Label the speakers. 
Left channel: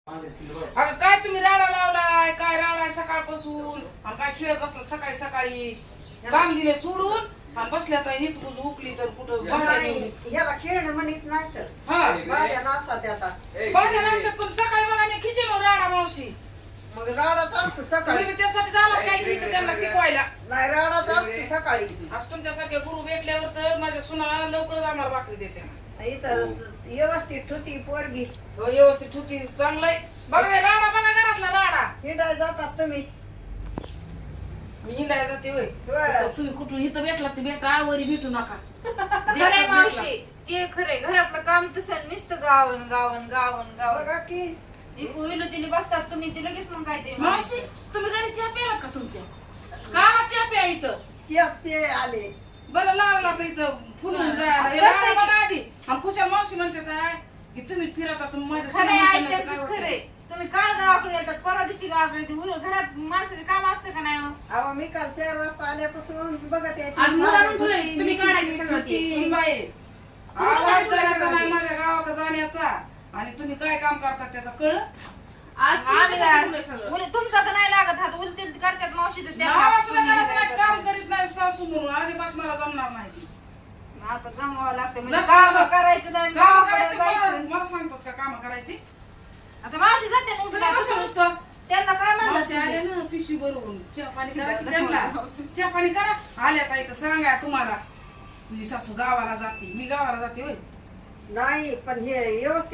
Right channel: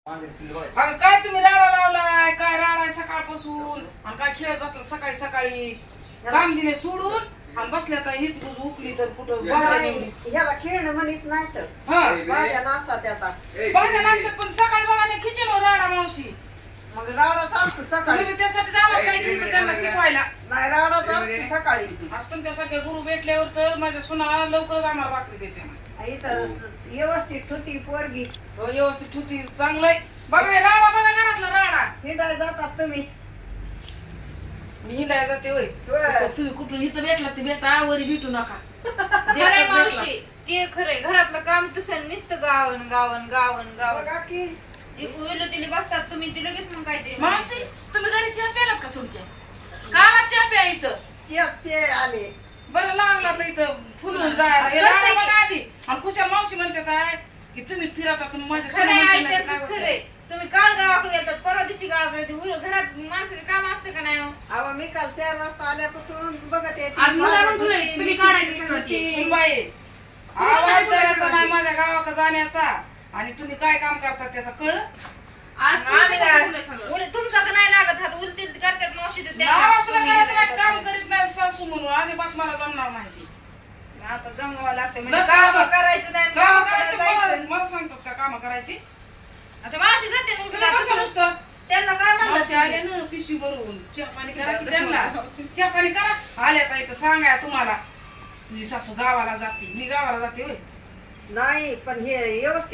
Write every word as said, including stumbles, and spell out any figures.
Speaker 1: अगं काय तुम्ही राडा लावलाय, काय राडाय सकाळपासून आणि काय खेळत बसला सकाळी सकाळी काम दिले सोडून आणि बसल्या तर हित कुज उकली तर कुठं
Speaker 2: ह्याला खेळणं म्हणत नाही तर
Speaker 1: हा
Speaker 2: माझ्या नासा त्याचा
Speaker 1: भाज्या नसतात पण सकाळी मला किचन राडा मावशी
Speaker 2: मग राडाचा असतो सकाळी.
Speaker 1: तुम्ही त्यासाठी जावं काय केलं त्यांना शिकवायला
Speaker 2: नाही राडाचा असतो सकाळी.
Speaker 1: आज तुमच्यासारखे गुरु भेटल्यावर तर माझ्या सुना लवकर आम्हाला भाकरी देते
Speaker 2: इथं व्यवस्थित होती पोरगी.
Speaker 1: व्यवस्थित होती चांगलंय बघा हे राडा बघा घरातला राडा
Speaker 2: हिंडाय जातात तुम्ही.
Speaker 1: मी हिंडायला जाते होय
Speaker 2: होय.
Speaker 1: तसं तुम्ही कुठून इथं भेटला ते भेटा वरी भेटू नका
Speaker 3: खरंय मावशी ते खरंय घरातलं काम तसं नुसतं गावन गावन गावन गावन
Speaker 2: बघा की
Speaker 3: इलो तिने बसतात तुम्ही ती लगेच मग काय ते
Speaker 1: मावशी तुम्ही घरी चहा प्यालात का तुमच्या काला चहा प्या इथं
Speaker 2: चियात पे आले.
Speaker 1: बरं लागला तर इथं फुलून जायला हे राडा बघा आधी आणि कुशाल मावशी म्हणते काय की तुम्ही फिराचा तुम्ही माझ्या
Speaker 3: खरंय
Speaker 1: सोबत
Speaker 3: आई
Speaker 1: फिरण्याचं काय
Speaker 3: त्यांचंच
Speaker 1: होतंय?
Speaker 3: खरंय तुम्ही काल गावाकडे येतात परवा दिवशी गावाकडे येते. उल- घरात माणसाचं काम असतं का नाही हो?
Speaker 2: अहो मी काल चार वाजता आल्यापासून बघत येते.
Speaker 3: आज मुलं आणून ठेवलंय, तुम्ही काढायची सगळं ते.
Speaker 1: सुनबाई, आवाज करायचा नाही माझ्या गावाकडे जाण्याचा आणि तुम्ही काय काम करता त्याचा कळलं
Speaker 3: आज आम्ही काय- उल- तुमचा तर नाही लागत हात उलतील करतात मावशी तर त्या-
Speaker 1: नाव असलं करायचं नाही, काम करीत नाही सासू म्हणून अजिबात मला जमणार नाही ती.
Speaker 3: आता जमवावं लागतं म्हणजे
Speaker 1: नसलं
Speaker 3: कामं
Speaker 1: बघ.
Speaker 3: करायचं नाही
Speaker 1: कामं
Speaker 3: गावाकडे
Speaker 1: करायची मला
Speaker 3: जायचं.
Speaker 1: मला सांगतात का काम करायची
Speaker 3: आता मावशी जाते मग
Speaker 1: तुला
Speaker 3: तुला
Speaker 1: कसं
Speaker 3: कसं
Speaker 1: नुसतं
Speaker 3: त्यांना काय
Speaker 1: मावशी आले
Speaker 3: म्हणतात
Speaker 1: ना पिशवी भरून चहा पाणी करा की त्यांना चहा पाणी करा आल्या ताई तर सांगा तुम्हाला तुझी सासू गावाला जाते मी गावाला जाते होय
Speaker 2: नाही पण हे व्यवस्थित